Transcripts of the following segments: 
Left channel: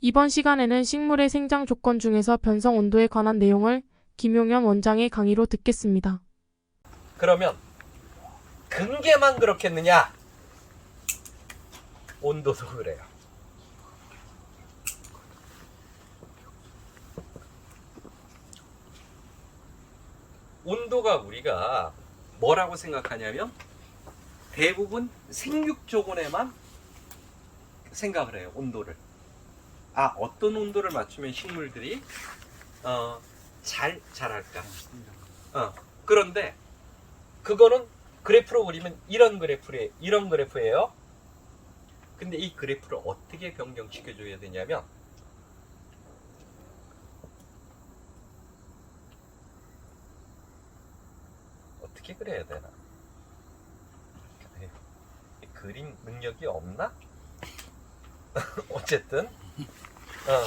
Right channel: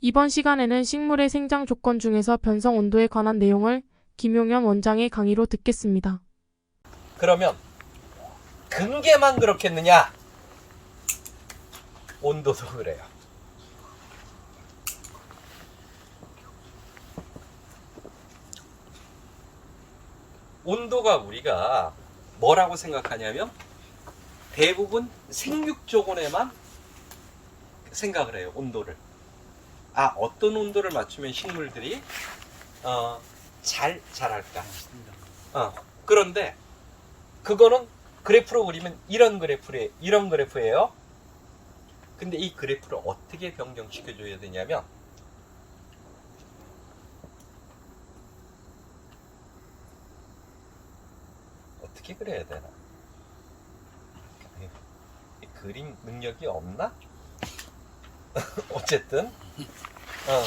이번 시간에는 식물의 생장 조건 중에서 변성 온도에 관한 내용을 김용현 원장의 강의로 듣겠습니다. 그러면 근계만 그렇겠느냐? 온도도 그래요. 온도가 우리가 뭐라고 생각하냐면 대부분 생육조건에만 생각을 해요. 온도를. 아 어떤 온도를 맞추면 식물들이 어, 잘 자랄까? 어, 그런데 그거는 그래프로 그리면 이런 그래프에 이런 그래프예요. 근데 이 그래프를 어떻게 변경시켜 줘야 되냐면 어떻게 그려야 되나? 이 그림 능력이 없나? 어쨌든 어.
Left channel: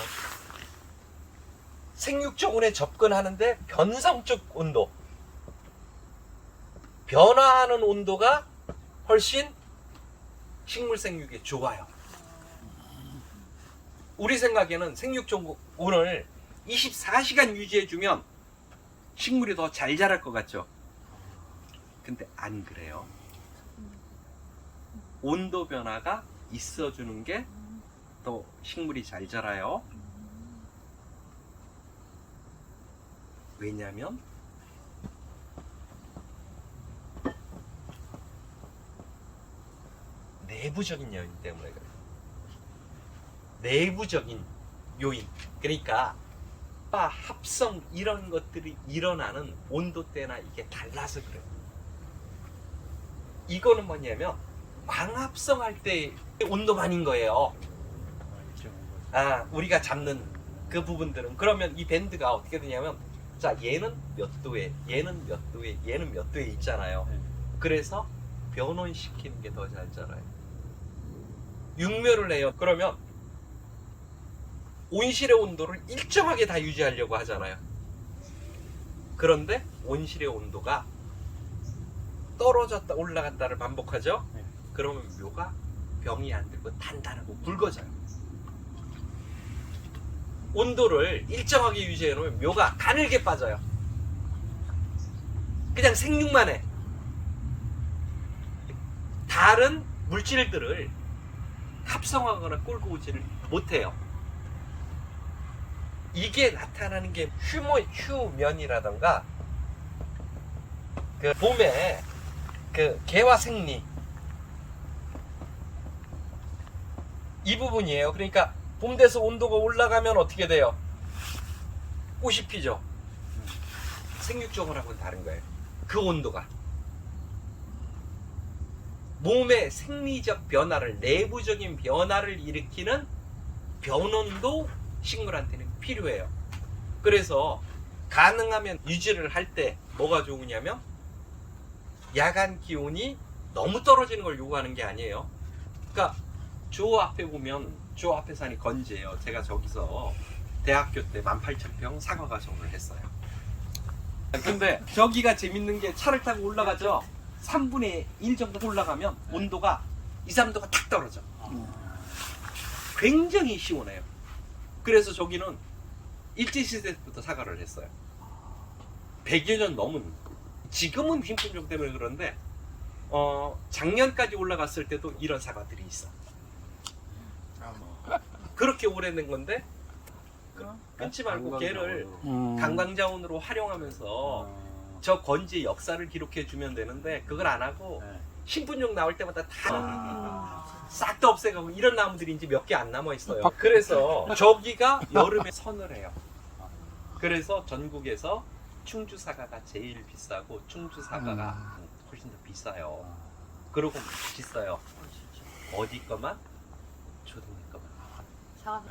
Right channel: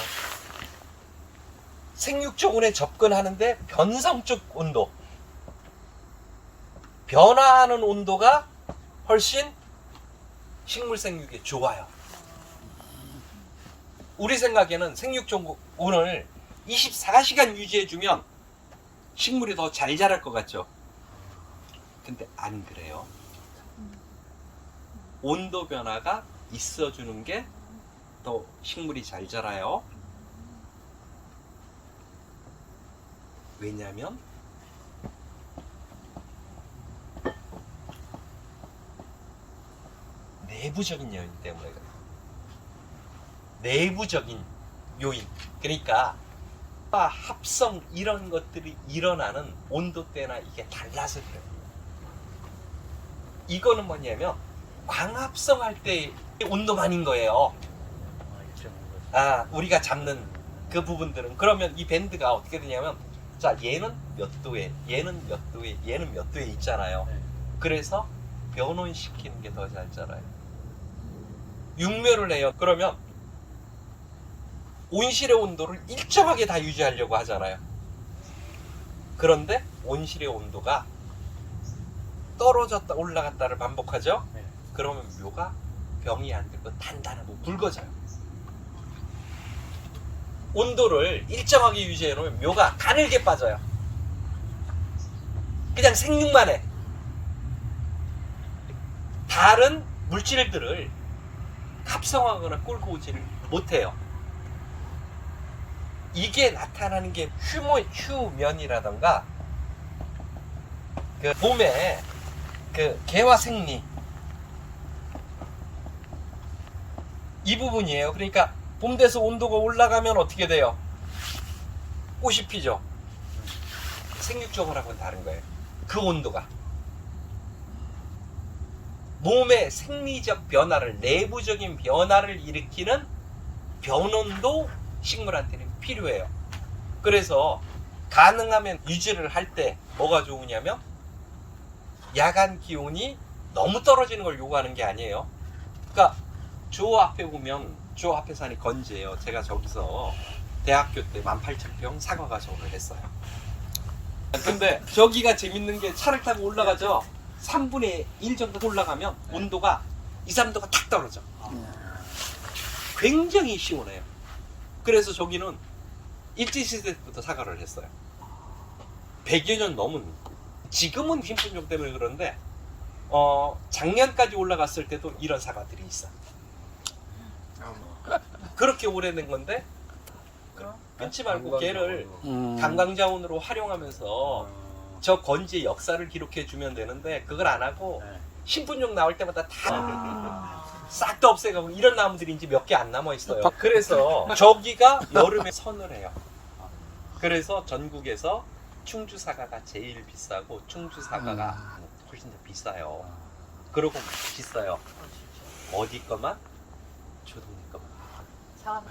생육조건에 접근하는데 변성적 온도 변화하는 온도가 훨씬 식물 생육에 좋아요. 우리 생각에는 생육조건을 24시간 유지해주면 식물이 더 잘 자랄 것 같죠? 근데 안 그래요. 온도 변화가 있어주는 게 더 식물이 잘 자라요. 왜냐면 내부적인 요인 때문에 그래요. 내부적인 요인. 그러니까 아, 합성 이런 것들이 일어나는 온도 때나 이게 달라서 그래요. 이거는 뭐냐면 광합성할 때 온도만인 거예요. 아, 우리가 잡는 그 부분들은 그러면 이 밴드가 어떻게 되냐면 자, 얘는 몇 도에, 얘는 몇 도에, 얘는 몇 도에 있잖아요. 그래서 변온시키는 게 더 잘 자라요. 육묘를 해요. 그러면 온실의 온도를 일정하게 다 유지하려고 하잖아요. 그런데 온실의 온도가 떨어졌다 올라갔다를 반복하죠. 네. 그러면 묘가 병이 안 되고 단단하고 굵어져요. 온도를 일정하게 유지해 놓으면 묘가 가늘게 빠져요. 그냥 생육만 해. 다른 물질들을 합성하거나 끌고 오지를 못해요. 이게 나타나는 게 휴모, 휴면이라던가 그 봄에 그 개화 생리 이 부분이에요. 그러니까 봄 돼서 온도가 올라가면 어떻게 돼요? 꽃이 피죠. 생육종하고는 다른 거예요. 그 온도가. 몸의 생리적 변화를 내부적인 변화를 일으키는 변온도 식물한테는 필요해요. 그래서 가능하면 유지를 할 때 뭐가 좋으냐면 야간 기온이 너무 떨어지는 걸 요구하는 게 아니에요. 그러니까 저 앞에 보면 저 앞에 산이 건지예요. 제가 저기서 대학교 때 18,000평 사과 가 정을 했어요. 근데 저기가 재밌는 게 차를 타고 올라가죠. 3분의 1 정도 올라가면 온도가 2, 3도가 탁 떨어져. 굉장히 시원해요. 그래서 저기는 일제시대 때부터 사과를 했어요. 100여 년 넘은 지금은 힘분종 때문에 그런데 어, 작년까지 올라갔을 때도 이런 사과들이 있어. 그렇게 오래된 건데 끊지 말고 걔를 음. 관광자원으로 활용하면서 저 건지의 역사를 기록해 주면 되는데 그걸 안 하고 네. 신분종 나올 때마다 다 싹 다 없애가고 이런 나무들이 이제 몇 개 안 남아 있어요. 그래서 저기가 여름에 선을 해요. 그래서 전국에서 충주 사과가 제일 비싸고 충주 사과가 훨씬 더 비싸요. 그러고 맛있어요. 어디 거만? 거만.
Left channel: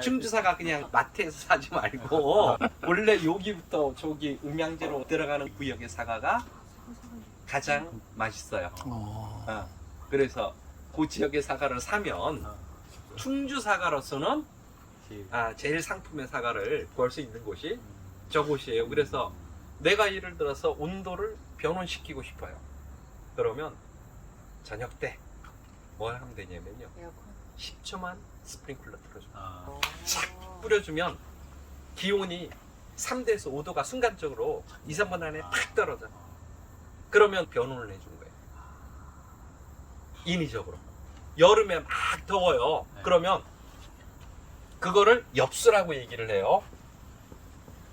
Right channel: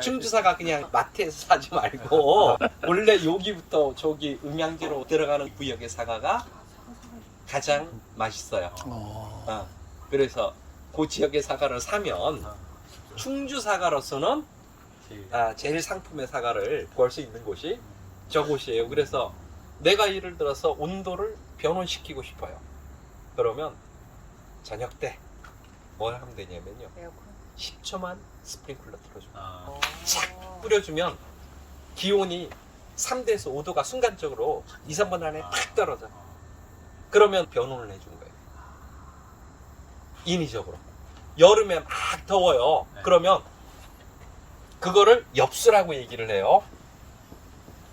충주사가 그냥 마트에서 사지 말고 원래 여기부터 저기 음양지로 들어가는 구역의 사과가 가장 맛있어요. 아, 그래서 그 지역의 사과를 사면 충주 사과로서는 아, 제일 상품의 사과를 구할 수 있는 곳이 저곳이에요. 그래서 내가 예를 들어서 온도를 변온시키고 싶어요. 그러면 저녁 때 뭘 하면 되냐면요. 10초만 스프링클러 틀어줘. 아. 착 뿌려주면 기온이 3도에서 5도가 순간적으로 2, 3분 안에 탁 떨어져. 그러면 변온을 해준 거예요. 인위적으로. 여름에 막 더워요. 네. 그러면 그거를 엽수라고 얘기를 해요.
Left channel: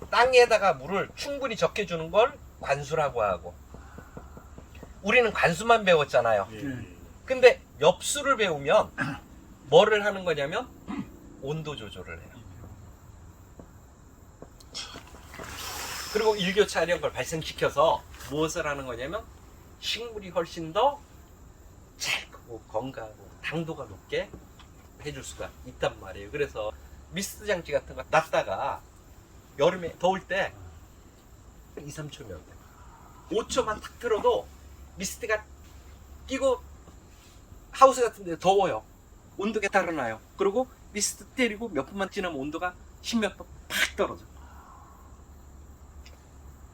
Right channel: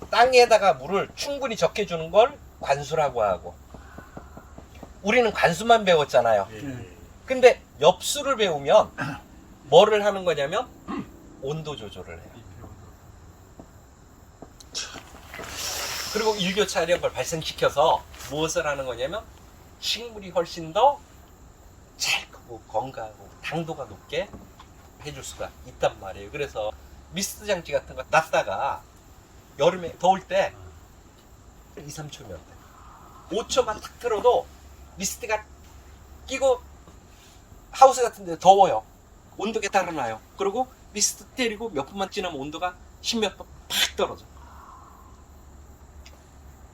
땅에다가 물을 충분히 적게 주는 걸 관수라고 하고. 우리는 관수만 배웠잖아요. 예. 근데 엽수를 배우면 뭐를 하는 거냐면 온도 조절을 해요. 그리고 일교차 이런 걸 발생시켜서 무엇을 하는 거냐면 식물이 훨씬 더 잘 크고 건강하고 당도가 높게 해줄 수가 있단 말이에요. 그래서 미스트 장치 같은 거 놨다가 여름에 더울 때 2, 3초면 돼. 5초만 탁 틀어도 미스트가 끼고 하우스 같은 데 더워요. 온도가 달아나요. 그리고 미스트 때리고 몇 분만 지나면 온도가 십몇 분팍 떨어져.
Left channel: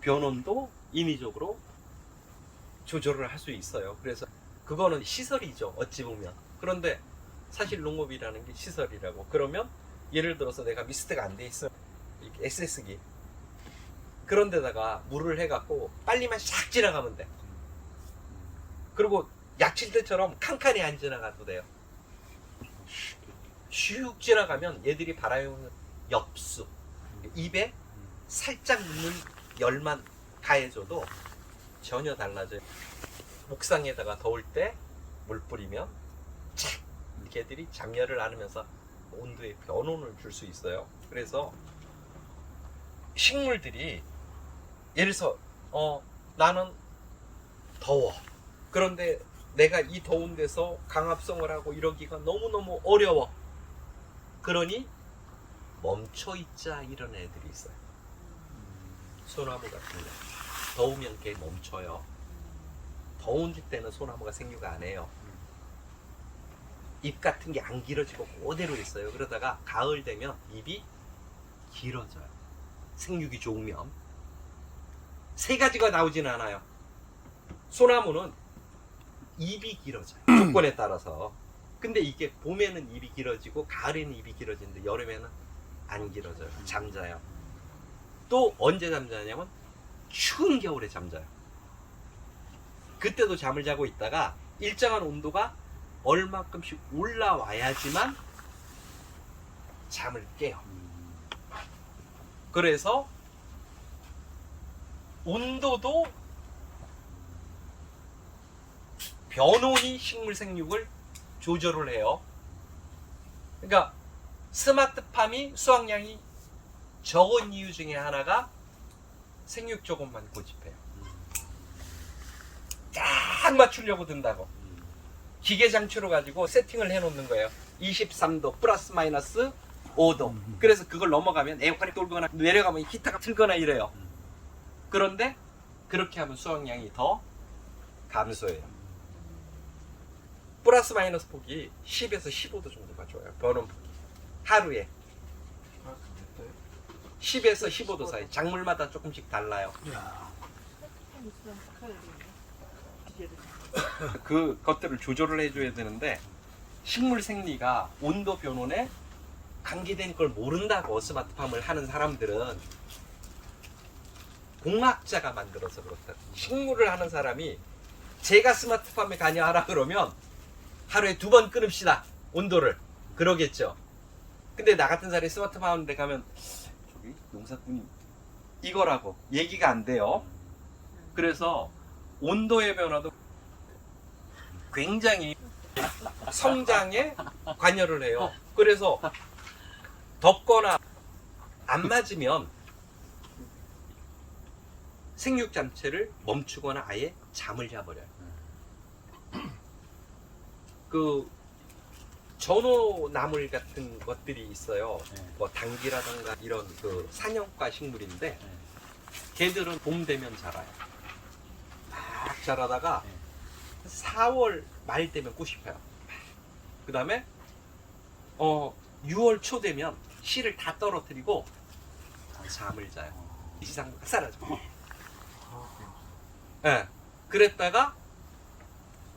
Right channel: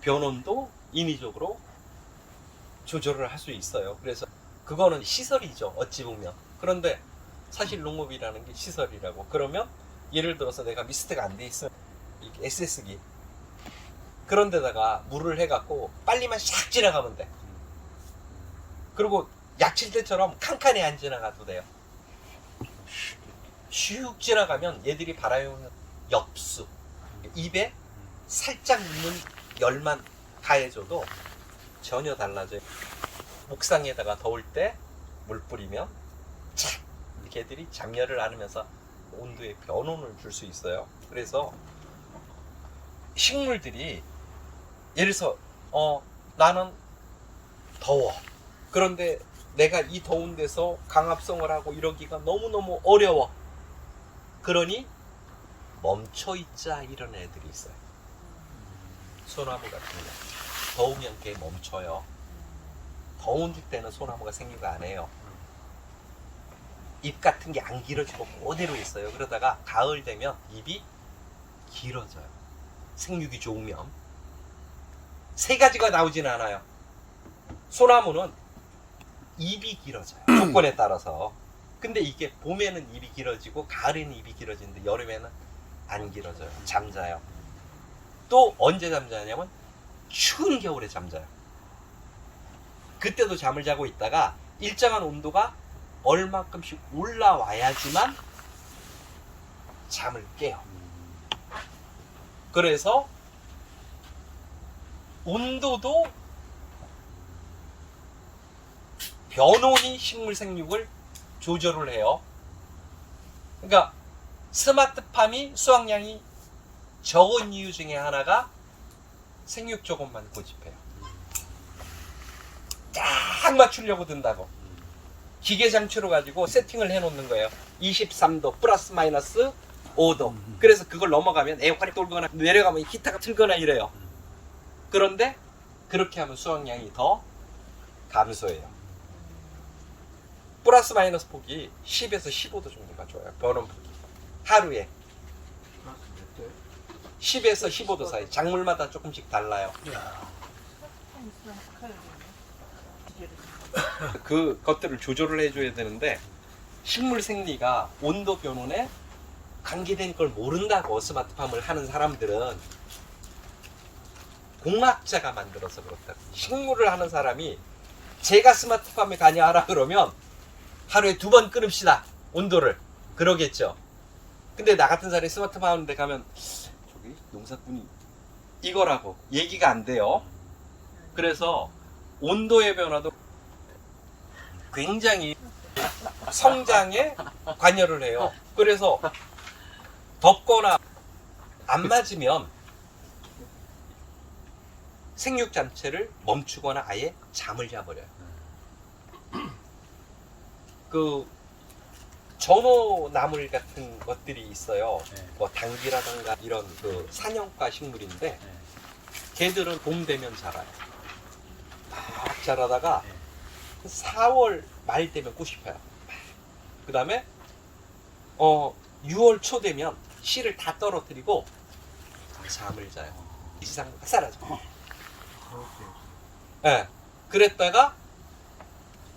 변온도 인위적으로 조절을 할 수 있어요. 그래서 그거는 시설이죠. 어찌 보면. 그런데 사실 농업이라는 게 시설이라고. 그러면 예를 들어서 내가 미스트가 안 돼 있으면 이렇게 SS기 그런 데다가 물을 해갖고 빨리만 샥 지나가면 돼. 그리고 약칠 때처럼 칸칸이 안 지나가도 돼요. 슉 지나가면 얘들이 바라요는 엽수. 입에 살짝 묻는 열만 가해줘도 전혀 달라져요. 옥상에다가 더울 때 물 뿌리면 착 걔들이 장렬을 안으면서 온도의 변온을 줄 수 있어요. 그래서 식물들이 예를 들어서 어 나는 더워. 그런데 내가 이 더운 데서 강압성을 하고 이러기가 너무너무 어려워. 그러니 멈춰 있자 이런 애들이 있어요. 소나무 같은 거. 더우면 걔 멈춰요. 더운 줄 때는 소나무가 생육을 안 해요. 잎 같은 게 안 길어지고 그대로 있어요. 그러다가 가을 되면 잎이 길어져요. 생육이 좋으면. 세 가지가 나오진 않아요. 소나무는 잎이 길어져요. 조건에 따라서. 근데 이게 봄에는 잎이 길어지고 가을에는 잎이 길어지는데 여름에는 안 길어져요. 잠자요. 또 언제 잠자냐면 추운 겨울에 잠자요. 그때도 잠을 자고 있다가 일정한 온도가 얼마큼씩 올라와야지만 잠을 깨요. 그래서 온도도 변온이 식물 생육을 조절을 해요. 그러니까 스마트팜이 수확량이 적은 이유 중에 하나가 생육 조건만 고집해요. 딱 맞추려고 든다고. 기계 장치로 가지고 세팅을 해 놓는 거예요. 23도 플러스 마이너스 5도. 그래서 그걸 넘어가면 에어컨이 돌거나 내려가면 기타가 틀거나 이래요. 그런데 그렇게 하면 수확량이 더 감소해요. 플러스 마이너스 폭이 10에서 15도 정도가 좋아요. 변온 폭이. 하루에 10에서 15도 사이. 작물마다 조금씩 달라요. 그 것들을 조절을 해줘야 되는데 식물 생리가 온도 변온에 관계된 걸 모른다고 스마트팜을 하는 사람들은 공학자가 만들어서 그렇다. 식물을 하는 사람이 제가 스마트팜에 가냐 하라 그러면 하루에 두 번 끊읍시다 온도를 그러겠죠. 근데 나 같은 사람이 스마트팜 하는데 가면 저기 농사꾼이 이거라고 얘기가 안 돼요. 그래서 온도의 변화도 굉장히 성장에 관여를 해요. 그래서 덥거나 안 맞으면 생육 잠체를 멈추거나 아예 잠을 자버려요. 그 전호 나물 같은 것들이 있어요. 네. 뭐 당귀라든가 이런 그 사냥과 식물인데 걔들은 봄 되면 자라요. 막 자라다가 4월 말 되면 꽃이 펴요. 그 다음에 어 6월 초 되면 씨를 다 떨어뜨리고 잠을 자요. 이지상 사라져. 예. 그랬다가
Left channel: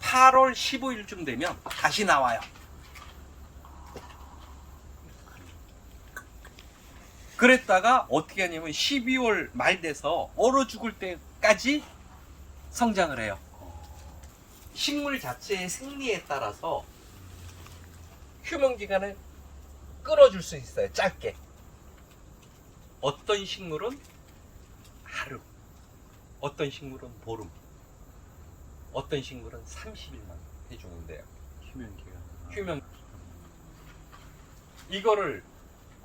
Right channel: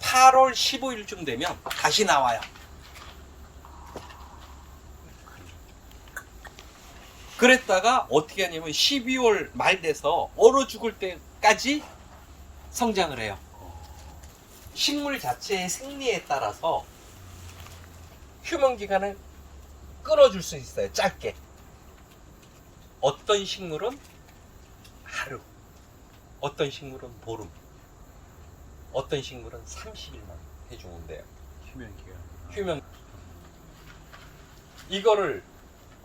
8월 15일쯤 되면 다시 나와요. 그랬다가 어떻게 하냐면 12월 말 돼서 얼어 죽을 때까지 성장을 해요. 식물 자체의 생리에 따라서 휴먼 기간을 끌어줄 수 있어요. 짧게. 어떤 식물은 하루, 어떤 식물은 보름, 어떤 식물은 30일만 해주는데요. 휴면기가 휴면 이거를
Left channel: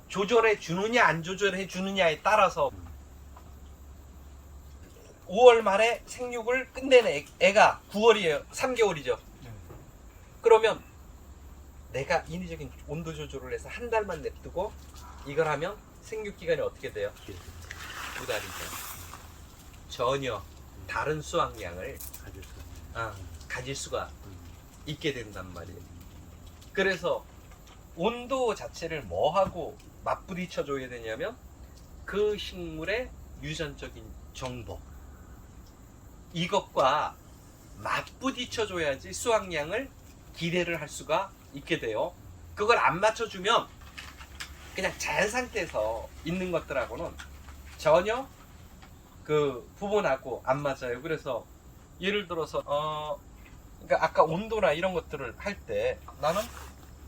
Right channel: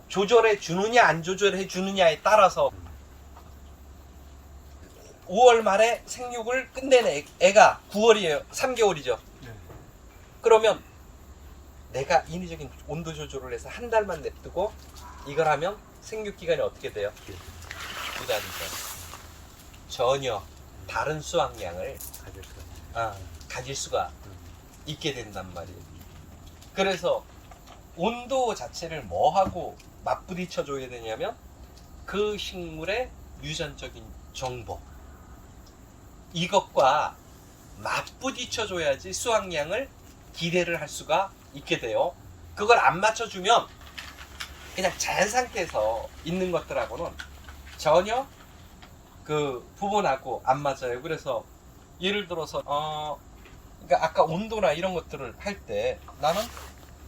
조절해 주느냐 안 조절해 주느냐에 따라서 5월 말에 생육을 끝내는 애, 애가 9월이에요. 3개월이죠. 네. 그러면 내가 인위적인 온도 조절을 해서 한 달만 냅두고 이걸 하면 생육 기간이 어떻게 돼요? 두 달이죠. 전혀 다른 수확량을. 아, 가질 수가 있게 된단 말이에요. 그래서 온도 자체를 뭐하고 맞부딪혀 줘야 되냐면 그 식물의 유전적인 정보 이것과 맞부딪혀 줘야지 수확량을 기대를 할 수가 있게 돼요. 그걸 안 맞춰주면 그냥 자연 상태에서 있는 것들하고는 전혀 그 부분하고 안 맞아요. 그래서 예를 들어서 어 그러니까 아까 온도나 이런 것들을 할 때 나는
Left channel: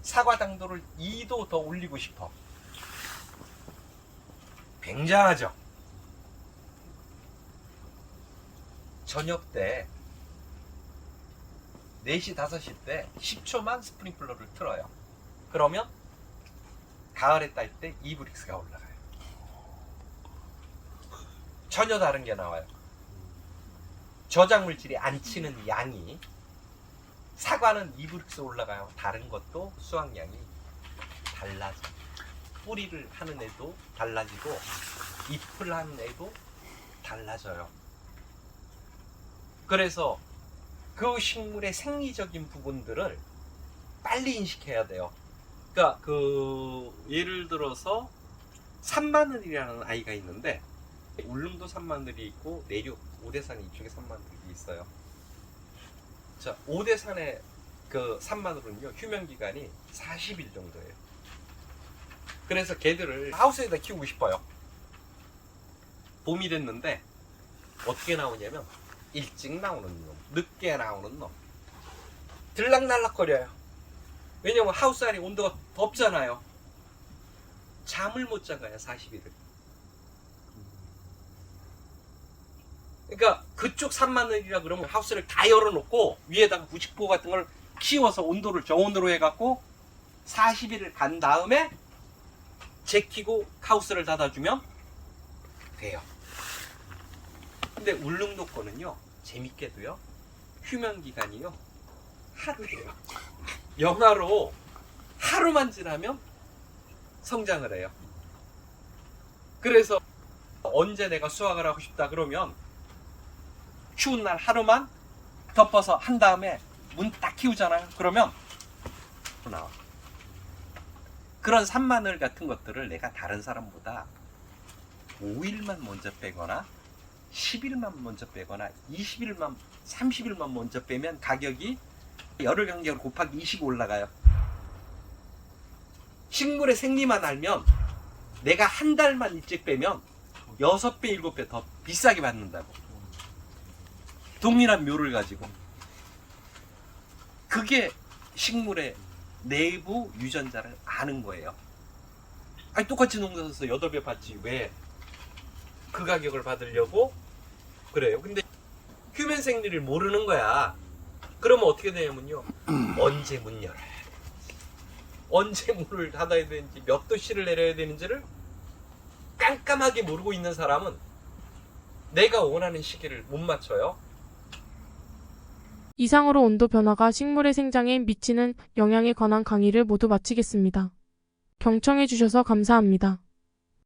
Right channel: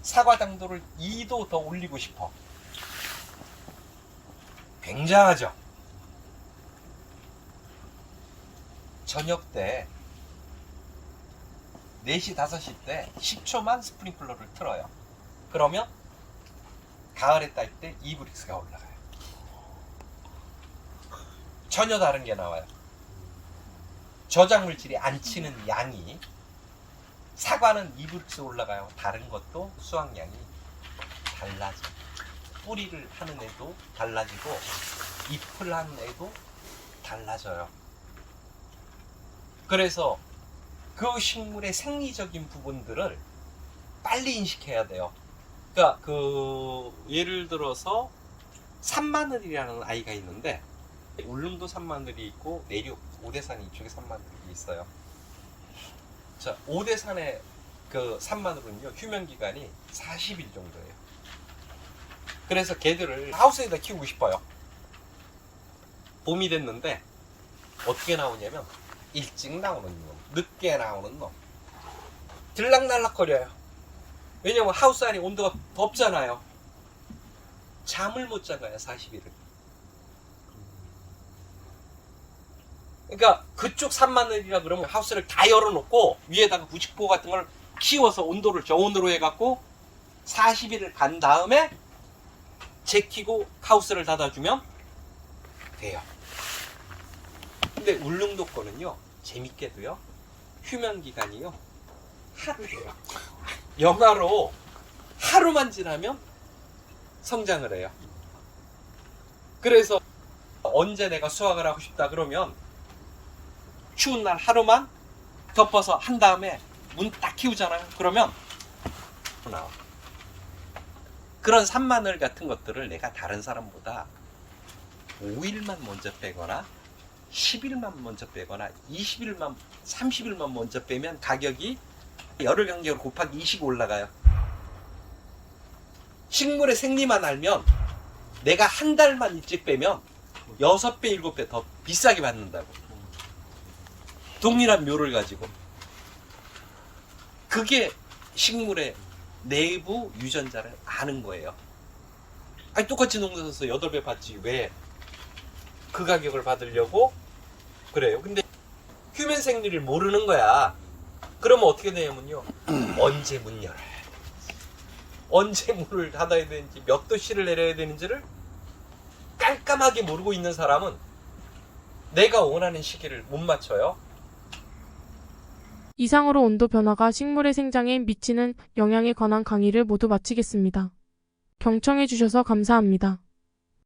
사과 당도를 2도 더 올리고 싶어. 굉장하죠. 저녁 때 4시, 5시 때 10초만 스프링클러를 틀어요. 그러면 가을에 딸 때 이브릭스가 올라가요. 전혀 다른 게 나와요. 저장 물질이 안 치는 양이 사과는 이브릭스 올라가요. 다른 것도 수확량이 달라져. 뿌리를 하는 애도 달라지고 잎을 하는 애도 달라져요. 그래서 그 식물의 생리적인 부분들을 빨리 인식해야 돼요. 그러니까 그 예를 들어서 산마늘이라는 아이가 있는데 울릉도 산마늘이 있고 내륙 오대산 이쪽에 산마늘이 있어요. 자, 오대산의 그 산마늘은요 휴면 기간이 40일 정도예요. 그래서 개들을 하우스에다 키우고 싶어요. 봄이 됐는데 어떻게 나오냐면 일찍 나오는 놈, 늦게 나오는 놈, 들락날락거려요. 왜냐면 하우스 안이 온도가 덥잖아요. 잠을 못 자가요 40일을. 그러니까 그쪽 산마늘이라 그러면 하우스를 다 열어놓고 위에다가 90호 같은 걸 키워서 온도를 저온으로 해갖고 40일을 간 다음에 제키고 하우스를 닫아주면 돼요. 근데 울릉도 거는요 재밌게도요 휴면 기간이요 하루예요. 영하로 하루만 지나면 성장을 해요. 그래서 언제 내가 수확을 하고 싶다 그러면 추운 날 하루만 덮어서 한 다음에 문 딱 키우잖아요. 그러면 나와. 그런 산마늘 같은 것들을 내가 다른 사람보다 5일만 먼저 빼거나 10일만 먼저 빼거나 20일만 30일만 먼저 빼면 가격이 열흘 간격을 곱하기 20 올라가요. 식물의 생리만 알면 내가 한 달만 일찍 빼면 6배, 7배 더 비싸게 받는다고. 동일한 묘를 가지고. 그게 식물의 내부 유전자를 아는 거예요. 아니, 똑같이 농사에서 8배 받지. 왜? 그 가격을 받으려고? 그래요. 근데 휴면 생리를 모르는 거야. 그러면 어떻게 되냐면요. 언제 문 열어야 돼. 언제 문을 닫아야 되는지, 몇 도씨를 내려야 되는지를 깜깜하게 모르고 있는 사람은 내가 원하는 시기를 못 맞춰요. 이상으로 온도 변화가 식물의 생장에 미치는 영향에 관한 강의를 모두 마치겠습니다. 경청해 주셔서 감사합니다.